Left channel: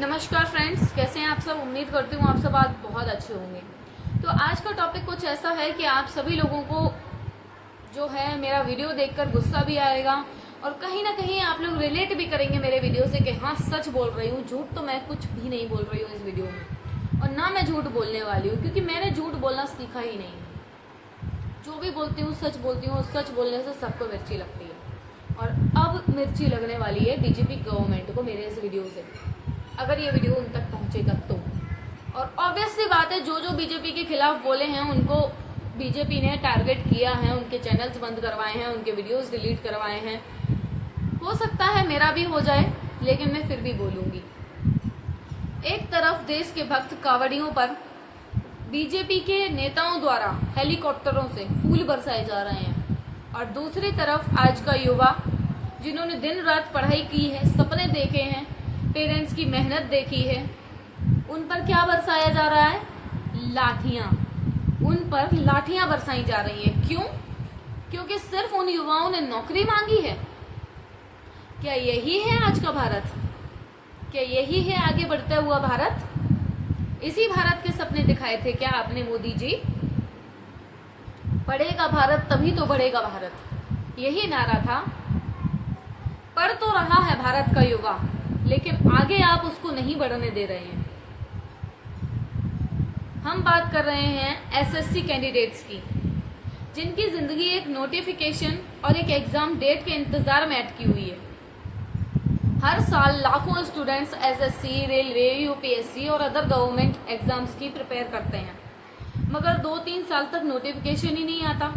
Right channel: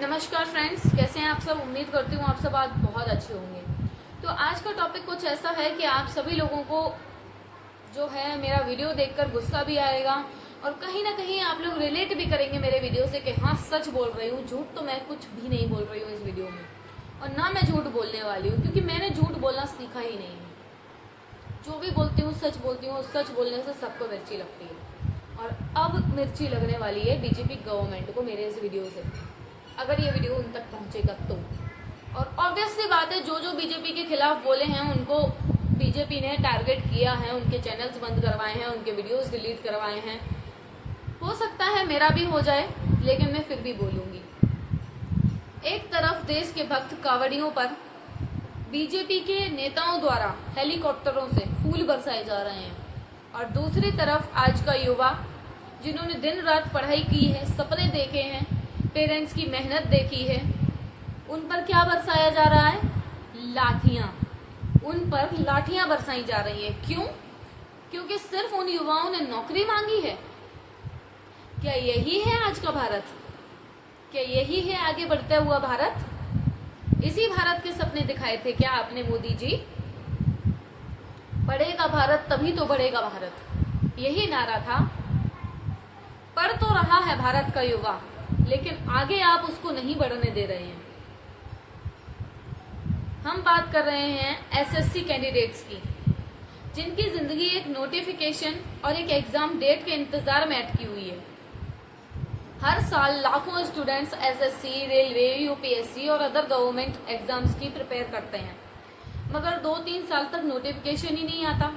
नमस्कार फ्रेंड्स, कैसे हैं आप सब। उम्मीद करती हूँ आप सब आज बहुत अच्छे होंगे। तो आज का टॉपिक कुछ ऐसा है कि आप सभी लोगों को जो है मेरा वीडियो देखकर गुस्सा भी आएगा और कहीं ना कहीं आप लोग रिलेट भी करेंगे मेरे वीडियो से कि हाँ सच बोल रही हूँ, झूठ तो मैं कुछ भी नहीं बोल रही हूँ इस वीडियो में, और ना मैं झूठ बोलने वाली हूँ क्योंकि मैंने झूठ बोलना सीखा ही नहीं है। जो भी बोलती हूँ सच बोलती हूँ। सच बोलने से सबको मिर्ची लगती है और अब मिर्ची लगने वाली है बीजेपी गवर्नमेंट को मेरे इस वीडियो से, अगर ये वीडियो उन तक पहुंचेगा तो। और ऑब्वियस सी बात है, जो जो बीजेपी के खिलाफ बोले हैं उनको बीजेपी ने टारगेट किया है, उनके चैनल्स बंद करवाए हैं, उनके वीडियोस डिलीट करवाए हैं। हो सकता है मेरा भी हो जाए, लेकिन मैं फिर भी बोलूंगी। एक तरफ देश के भक्त कांवड़ियों पर बीजेपी के नेताओं द्वारा हेलीकॉप्टरों से फूल बरसाए जा रहे हैं, और दूसरी तरफ आज का युवा जिन्होंने दिन रात पढ़ाई की है, सपने देखे हैं, पेरेंट्स की मेहनत देखी है, उन पर क्या बरसाया जा रहा है? लाठियां। उन पर लाठियां बरसाई जा रही हैं। क्यों? क्योंकि सिर्फ उन युवाओं ने नौकरी मांगी है। क्या यही है आज का भारत? क्या यही है आगे बढ़ता हुआ भारत? इसी भारत के सपने दिखाए थे क्या आपने मोदी जी? बढ़ेगा भारत तभी तो बढ़ेगा भारत, यही नारा था। पढ़ तो रहा है भारत का युवा, लेकिन आगे आप उसको नहीं बढ़ने दे रहे हैं। हम बात कर रहे हैं एसएससी कैंडिडेट्स की, जिनकी जिंदगी एक नोटिफिकेशन और एक एग्जाम डेट के इंतजार में अटकी हुई है। हर साल लाखों स्टूडेंट्स एसएससी, रेलवे, यूपीएससी और अदर गवर्नमेंट एग्जाम्स की प्रिपेयर करते हैं, मगर 2-3 साल तक नोटिफिकेशन ही नहीं आता।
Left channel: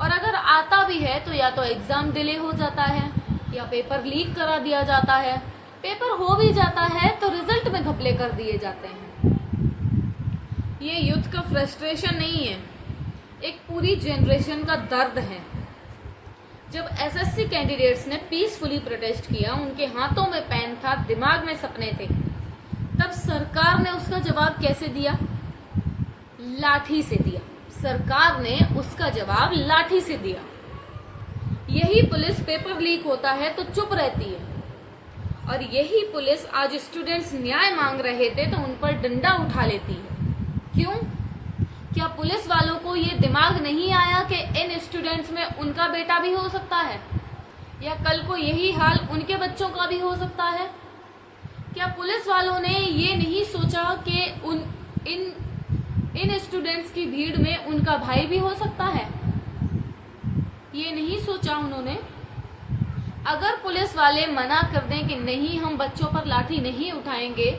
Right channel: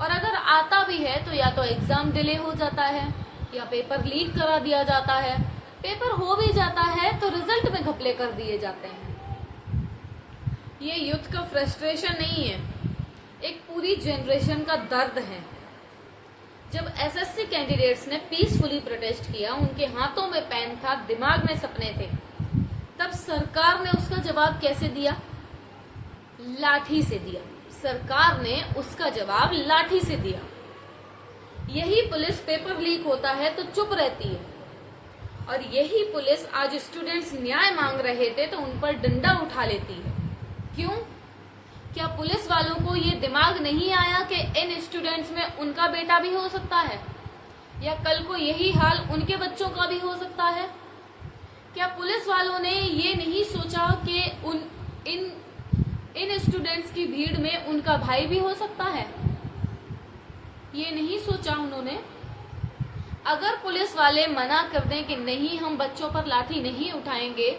और अगर आता भी है तो या तो एग्जाम डिले हो जाता है या पेपर लीक करा दिया जाता है। पेपर हो भी जाता है तो रिजल्ट में घपले कर दिए जाते हैं। ये युद्ध का फ्रस्ट्रेशन नहीं है, एक पूरी जनरेशन का दर्द है। जब एसएससी कैंडिडेट्स ने पीसफुली प्रोटेस्ट किया, उनके हाथों में पेन था, दिमाग में सपने थे, तब सरकार ने उसका जवाब कैसे दिया? लाठी से दिया। सरकार ने उसका जवाब लाठी से दिया। यही पुलिस पेपर लीक होता है तो चुप रहती है, और यही पुलिस आज स्टूडेंट्स न्याय मांग रहे थे तो उन पर डंडा उठा लेती है। क्यों? क्या पुलिस वालों को ये दिमाग नहीं आया कि इन स्टूडेंट्स में उनका बेटा भी हो सकता है, या कल को यही हाल उनके बच्चों का भी हो सकता है? क्या पुलिस वालों ने ये नहीं सोचा कि इन स्टूडेंट्स की भीड़ में उनका भाई भी हो सकता है? ये नहीं सोचा उन्होंने। अगर पुलिस वाले मना कर दें कि नहीं हम बच्चों पर लाठी नहीं उठाएंगे,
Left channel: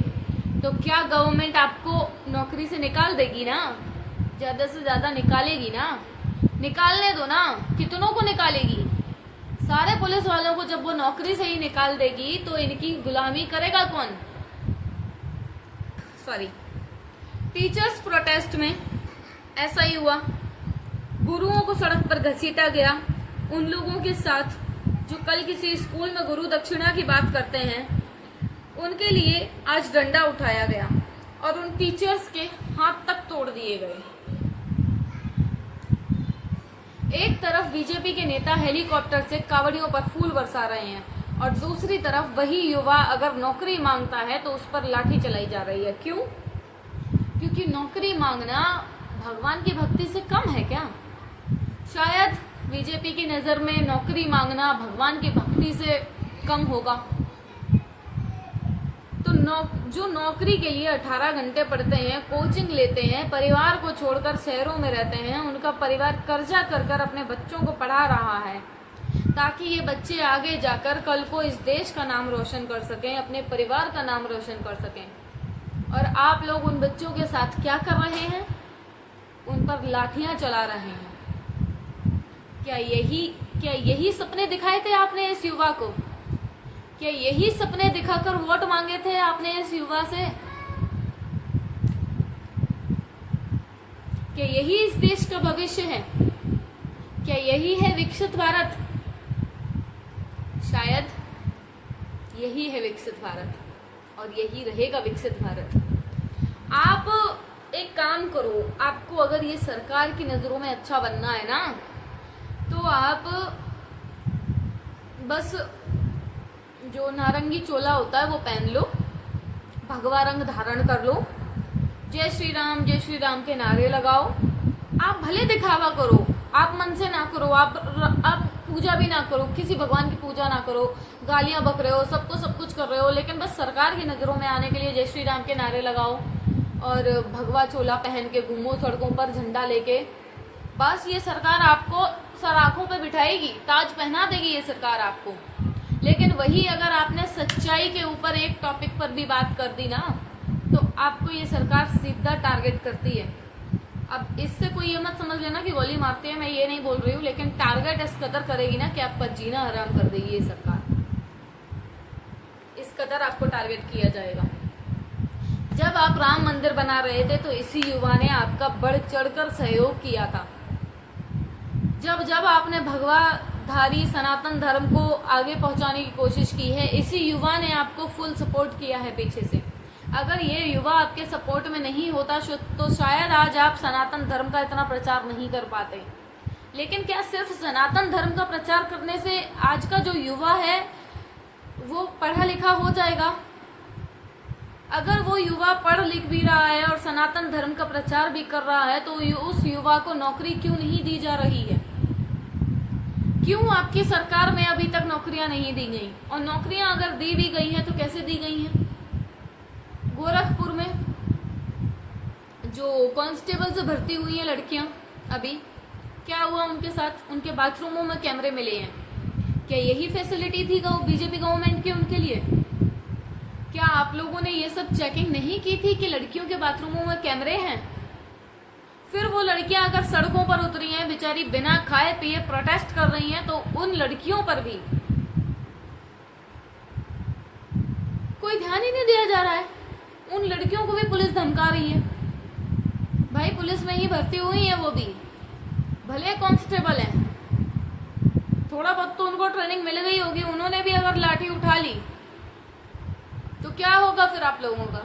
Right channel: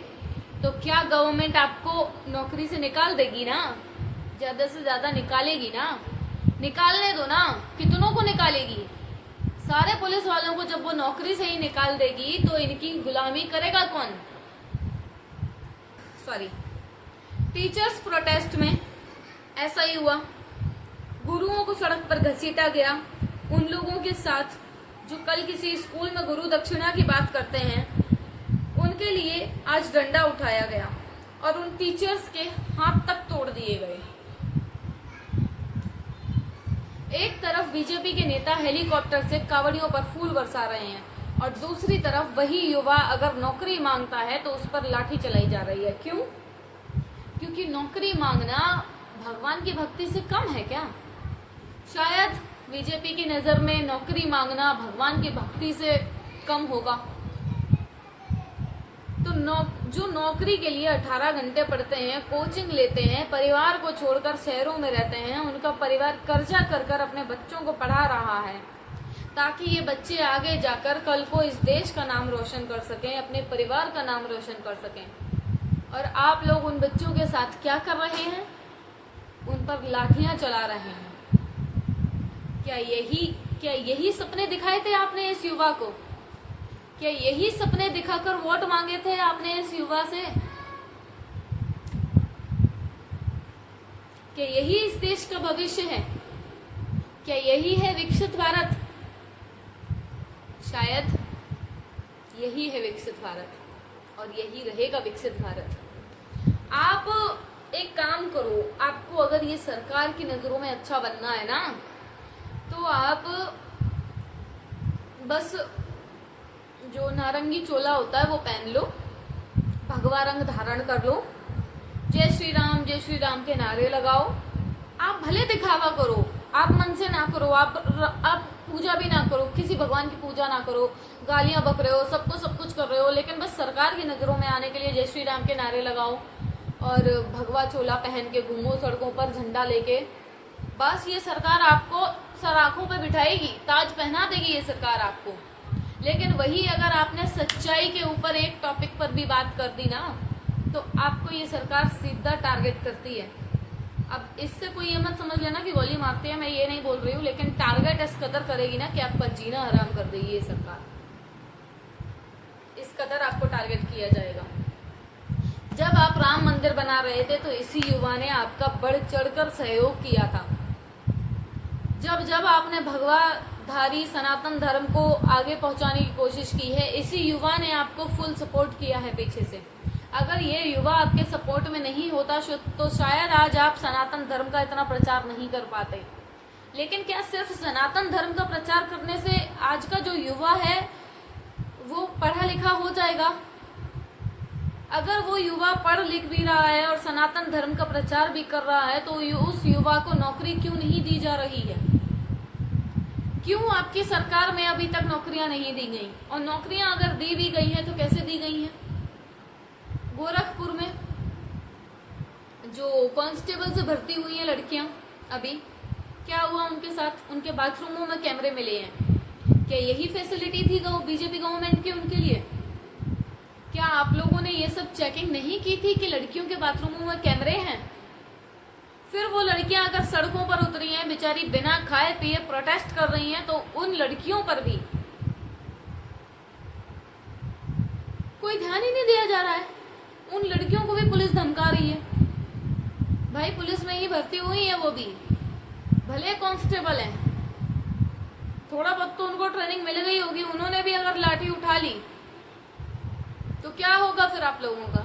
तो क्या गवर्नमेंट आपको नौकरी से निकाल देगी ना? ज्यादा से ज्यादा निकालेगी ना? निकालने दो ना, कितनों को निकालेगी? सारे पुलिस वालों को जब वो नौकरी से ही निकाल देगी तो इनकी गुलामी करेगा कौन? सॉरी, टीचर्स प्रोटेस्ट में ऐसा ही हुआ। गुरुओं को सड़क पर घसीटा गया। उन लोगों के साथ जो कल किसी स्कूल में गुरु दक्षिणा की बात करते हैं, उनके लिए आज डंडा उठाया गया और उन टीचर्स के हाथ तक तोड़ दिए गए। एक तरफ बीजेपी के नेता हेलीकॉप्टर से कांवड़ियों पर फूल बरसा रहे हैं, और दूसरी तरफ वही युवा अगर नौकरी मांगता है तो उस पर लाठी चलाई जा रही है। क्यों? क्योंकि नौकरी मांगना भगवान की भक्ति से कम है क्या? शायद बीजेपी की नजर में नौकरी मांगना भगवान की भक्ति से कम होगा। तो जो नौकरी के लिए 18 घंटे पढ़ते हैं, कोचिंग लेते हैं, परिवार को छोड़कर शहरों में रहते हैं, उनका परिवार कर्जा कर कर अपने बच्चों को पढ़ा रहा है ताकि ये बच्चे आगे जाकर कल को इस देश का नाम रोशन कर सकें, अपने परिवार का नाम रोशन कर सकें। और आप लोग उन बच्चों के साथ क्या कर रहे हैं? उन पर लाठियां चला रहे हैं। क्या यही सपने दिखाए थे आपने इस युवा को? क्या यही सपने दिखाकर वोट मांगे थे आपने इस युवा से? क्या यही इस देश का भविष्य है? क्या यही है विकसित भारत? शायद यही है विकसित भारत, और यही रहेगा विकसित भारत। आप एक काम करो, आपको अगर ये सरकार की नजरों में अच्छा बनना है ना, तो आप बस जो नारंगी चोला होता है वो पहन लो, भगवा रंग धारण कर लो, जय श्री राम के नारे लगाओ। आप भले दिखावा करो, आप मन से ना करो, आप पूजा भी ना करो, किसी भगवान की पूजा ना करो, गालियां बक रहे हो, सब कुछ कर रहे हो, लेकिन बस सरकार की नजरों में आने के लिए जय श्री राम के नारे लगाओ और भगवा चोला पहन के घूमो सड़कों पर झंडा लेके। बस ये सरकार आपको सर आंखों पे बिठाएगी, ताज पहना देगी ये सरकार आपको। लेकिन वही अगर आपने सच्चाई के ऊपर एक टॉपिक पर भी बात कर दी ना, तो आपको ये सरकार सीधा टारगेट करती है। अब इससे कोई ये मत समझ लेना कि गोली मारते हैं, मैं ये नहीं बोल रही हूँ, लेकिन टारगेट इस कदर करेगी ना कि आपका जीना हराम कर देगी ये सरकार। इस कदर आपको टारगेट किया जाएगा। जब आप राम मंदिर बना रहे थे तो इसी युवा ने आपका बढ़ चढ़कर सहयोग किया था। जब आपने भगवाधारी सनातन धर्म को आगे पहुंचाने की कोशिश की है, इसी युवा ने आपको फुल सपोर्ट किया है पीछे से। अगर ये युवा आपके सपोर्ट में नहीं होता तो शायद आज आप सनातन धर्म का इतना प्रचार नहीं कर पाते। लेकिन क्या सिर्फ सनातन धर्म का प्रचार करने से आज का जो युवा है वो पढ़ा लिखा हो जाएगा? अगर वो युवा पढ़ लिख भी रहा है और सनातन धर्म का प्रचार भी कर रहा है, तो उस युवा को नौकरी क्यों नहीं दी जा रही है? क्यों आपकी सरकार में अभी तक नौकरियां नहीं दी गई? और नौकरियां अगर दी भी गई हैं तो कैसे दी गई हैं? गोरखपुर में जो कांस्टेबल से भर्ती हुई है लड़कियां, अभी क्या हुआ उनके साथ? उनके बाथरूमों में कैमरे मिले हैं। क्या यही फैसिलिटी थी बीजेपी गवर्नमेंट की उनके लिए? क्या आप लोगों ने ये सब चेकिंग नहीं की थी कि लड़कियों के बाथरूमों में कैमरे हैं? फिर वो लड़कियां अगर सड़कों पर उतरी हैं, बेचारी बिना खाए पिए प्रोटेस्ट कर रही हैं, तो उन लड़कियों पर भी कोई ध्यान ही नहीं दिया जा रहा है। उन लड़कियों को भी पुलिस धमका रही है। भाई पुलिस में ही भर्ती हुई है वो भी, भले कांस्टेबल हैं, थोड़ा बहुत तो उनको ट्रेनिंग मिल गई होगी। उन्होंने भी अगर लाठी उठा ली तो क्या होगा फिर आप लोगों का?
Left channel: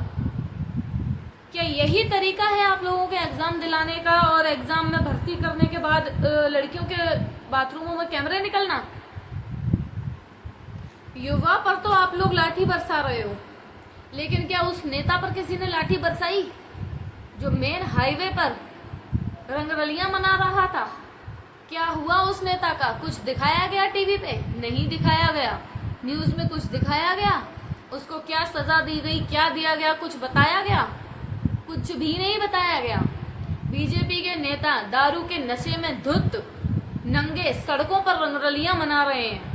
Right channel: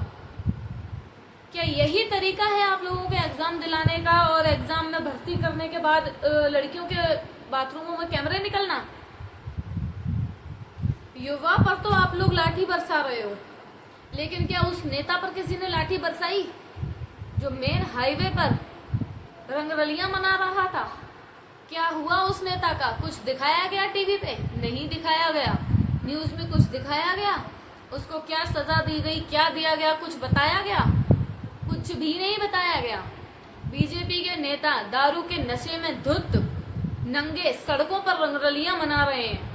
क्या यही तरीका है आप लोगों के एग्जाम दिलाने का और एग्जाम में भर्ती करने के बाद लड़कियों के बाथरूमों में कैमरे निकलना? युवा पर तो आप लोग लाठी बरसा रहे हो, लेकिन क्या उस नेता पर किसी ने लाठी बरसाई जो मेन हाईवे पर रंगरलियां मना रहा था? क्या हुआ उस नेता का? कुछ दिखाया गया टीवी पे? नहीं दिखाया गया। न्यूज में कुछ दिखाया गया? उसको क्या सजा दी गई, क्या दिया गया, कुछ बताया गया? कुछ भी नहीं बताया गया। बीजेपी के नेता दारू के नशे में धुत नंगे सड़कों पर रंगरलियां मना रहे हैं,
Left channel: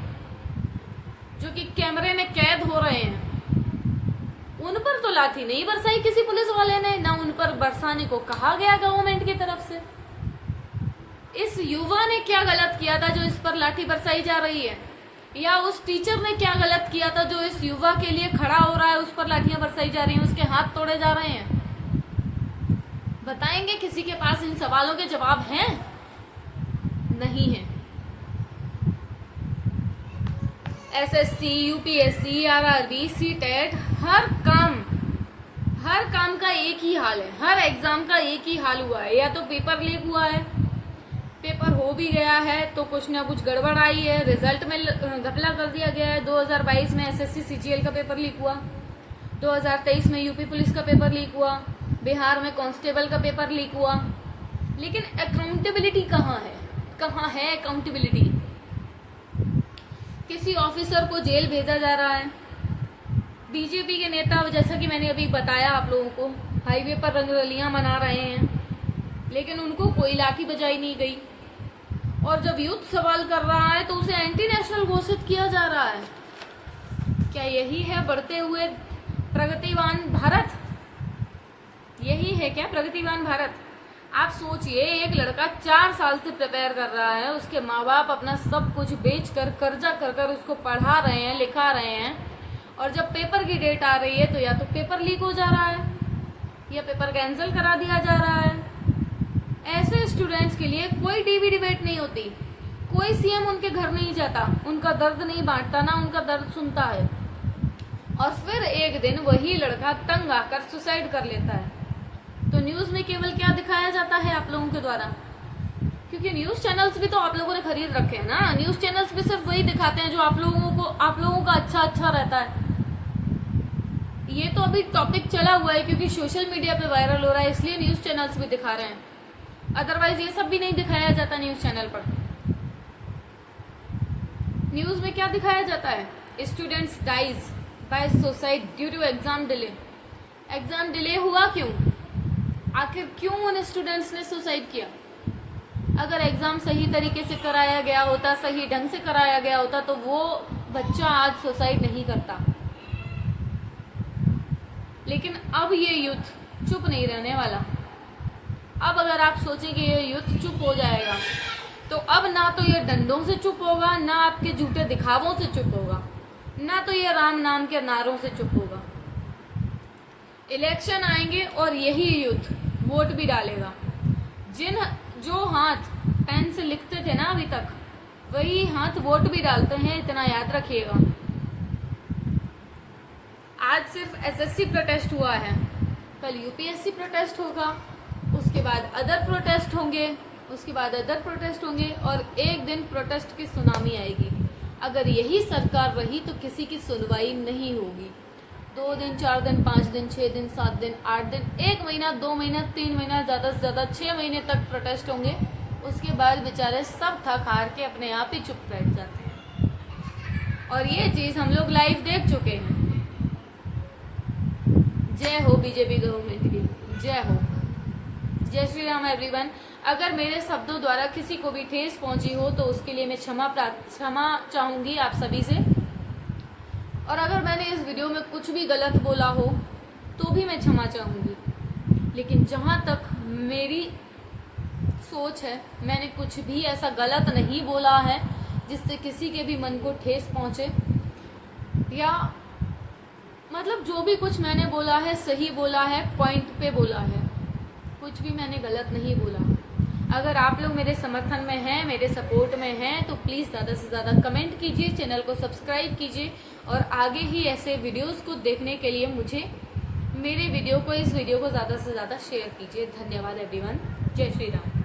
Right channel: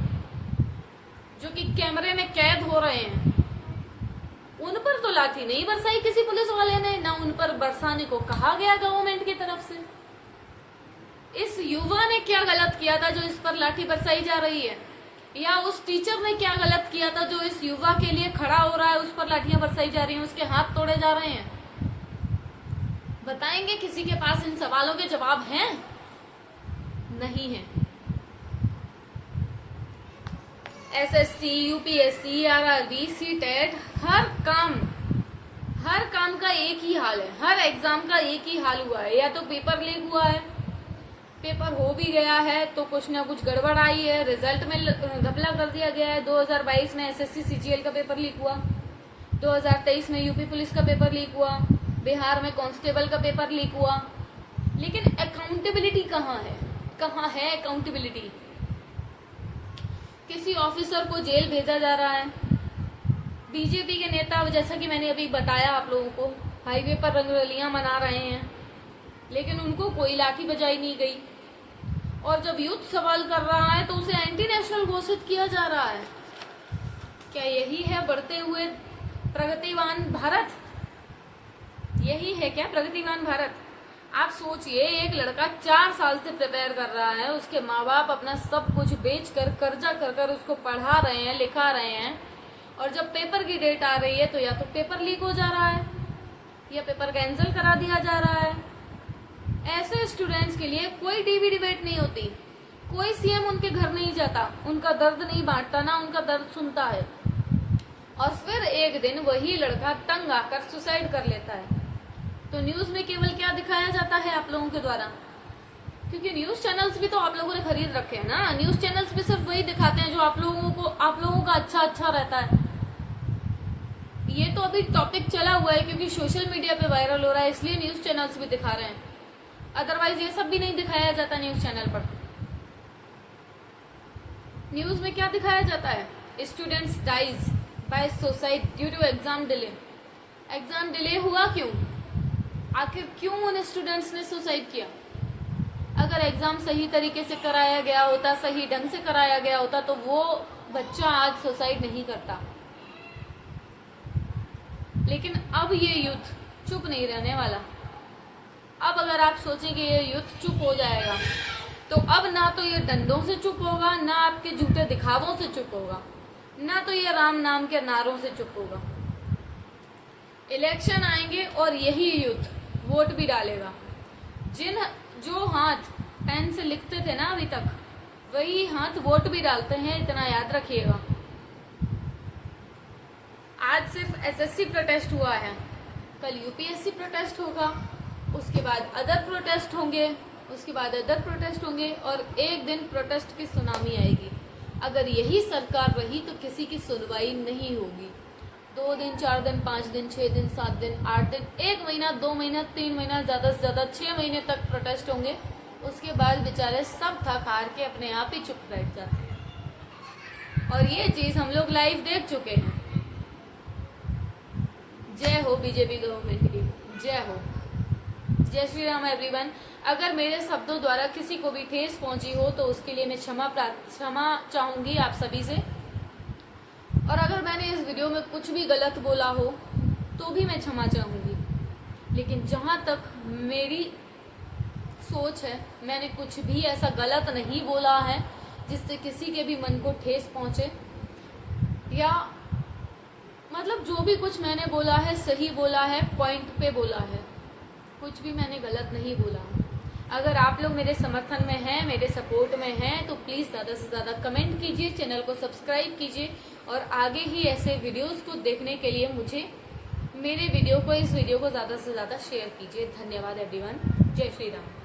जो कि कैमरे में कैद हो रहे हैं। उन पर तो लाठी नहीं बरसाई किसी पुलिस वाले ने, ना उन पर बरसाने को कहा गया गवर्नमेंट की तरफ से। इस युवा ने क्या गलत किया था जो इस पर लाठी बरसाई जा रही है? या उस टीचर ने क्या गलत किया था जो इस युवा के लिए खड़ा हो रहा है, उस पर लाठियां बरसाई जा रही हैं, उसके हाथ तोड़े जा रहे हैं? बताएंगे? किसी के पास इन सवालों के जवाब हैं? नहीं है। एसएससी, यूपीएससी, आरआरबी, सीटेट, हर काम का एक ही हाल है। हर एग्जाम का एक ही हाल हुआ है। या तो पेपर लीक हुआ है, पेपर हो भी गया है तो कुछ ना कुछ गड़बड़ आई है, रिजल्ट में घपला कर दिया गया है। 2022 में एसएससी सीजीएल का पेपर लीक हुआ, 2023 में यूपी पुलिस का पेपर लीक हुआ, बिहार में कांस्टेबल का पेपर लीक हुआ। लेकिन अकाउंटेबिलिटी कहाँ है? कहाँ है अकाउंटेबिलिटी? किसी ऑफिसर को जेल भेजा जा रहा है। बीजेपी के नेता, जैसा कि मैंने अभी बताया आप लोगों को, हाईवे पर रंगरलियां मना रहे हैं, लेकिन उनको कोई लाठी बजाई नहीं गई। और जब यूथ सवाल कर रहा है तो उसे एंटी नेशनल घोषित किया जा रहा है। क्या यही है बढ़ते हुए प्रगतिवान भारत? यही है क्या प्रगतिवान भारत? आप सोचिए, एक लड़का 4 साल से प्रिपेयर कर रहा है, उसके माँ बाप अपना सब कुछ बेचकर कर्जा कर उसको पढ़ा रहे हैं, लिखा रहे हैं, और जब पेपर की डेट आ रही है तो या तो पेपर लीक हो जा रहा है या पेपर कैंसिल करा दिया जा रहा है। ऐसे स्टूडेंट्स के लिए कोई टीवी डिबेट नहीं होती, कोई सीएम उनके घर नहीं जाता, उनका दर्द नहीं बांटता, ना उनका दर्द सुनता है। और फिर एक दिन वही लड़का तंग आकर सुसाइड कर लेता है। तो न्यूज में केवल क्या दिखाया जाता है आप लोगों के द्वारा? क्योंकि न्यूज चैनल्स भी तो आप लोगों ने खरीद रखे हैं ना। न्यूज चैनल्स भी सिर्फ वही दिखाते हैं जो आप लोगों का अच्छा रहता है। ये तो अभी टॉपिक चला हुआ है क्योंकि सोशल मीडिया पे वायरल हो रहा है, इसलिए न्यूज चैनल्स भी दिखा रहे हैं। अदरवाइज ये सब भी नहीं दिखाया जाता न्यूज चैनल पर। न्यूज में क्या दिखाया जाता है? Students dies by suicide due to exam delay. Exam delay हुआ क्यों? आखिर क्यों उन स्टूडेंट्स ने सुसाइड किया? अगर एग्जाम सही तरीके से कराया गया होता, सही ढंग से कराया गया होता, तो वो बच्चा आज सुसाइड नहीं करता। लेकिन अब ये यूथ चुप नहीं रहने वाला। अब अगर आप सोचें कि ये यूथ चुप हो जाएगा, तो अब ना तो ये डंडों से चुप होगा, ना आपके झूठे दिखावों से चुप होगा, ना तो ये राम नाम के नारों से चुप होगा। इलेक्शन आएंगे और यही यूथ वोट भी डालेगा। जो हाथ पेन से लिखते थे ना अभी तक, वही हाथ वोट भी डालते हैं, इतना याद रखिएगा। आज सिर्फ एसएससी प्रोटेस्ट हुआ है, कल यूपीएससी प्रोटेस्ट होगा, उसके बाद अदर प्रोटेस्ट होंगे, उसके बाद अदर प्रोटेस्ट होंगे, और एक दिन प्रोटेस्ट की सुनामी आएगी। अगर यही सरकार रही तो किसी की सुनवाई नहीं होगी। 2 दिन, 4 दिन, 5 दिन, 6 दिन, 7 दिन, 8 दिन, 1 महीना, 2 महीना, 3 महीना, ज्यादा से ज्यादा 6 महीने तक प्रोटेस्ट होंगे। उसके बाद बेचारे सब थक हार के अपने आप ही चुप बैठ जाते हैं। और ये चीज हम लोग लाइव देख चुके हैं। जय हो बीजेपी गवर्नमेंट की, जय हो। जय श्री राम एवरीवन। अगर मेरे शब्दों द्वारा किसी को भी ठेस पहुंची हो तो उसके लिए मैं क्षमा चाहूंगी आप सभी से। और अगर मैंने इस वीडियो में कुछ भी गलत बोला हो तो भी मैं क्षमा चाहूंगी। लेकिन जहां तक मेरी सोच है, मैंने कुछ भी ऐसा गलत नहीं बोला है जिससे किसी के भी मन को ठेस पहुंचे, या मतलब जो भी कुछ मैंने बोला है सही बोला है, पॉइंट पे बोला है, कुछ भी मैंने गलत नहीं बोला है। अगर आप लोग मेरे समर्थन में हैं, मेरे सपोर्ट में हैं, तो प्लीज ज्यादा से ज्यादा कमेंट कीजिए, चैनल को सब्सक्राइब कीजिए, और आगे ही ऐसे वीडियोस को देखने के लिए इस वीडियो को ज्यादा से ज्यादा शेयर कीजिए। धन्यवाद एवरीवन। जय श्री राम।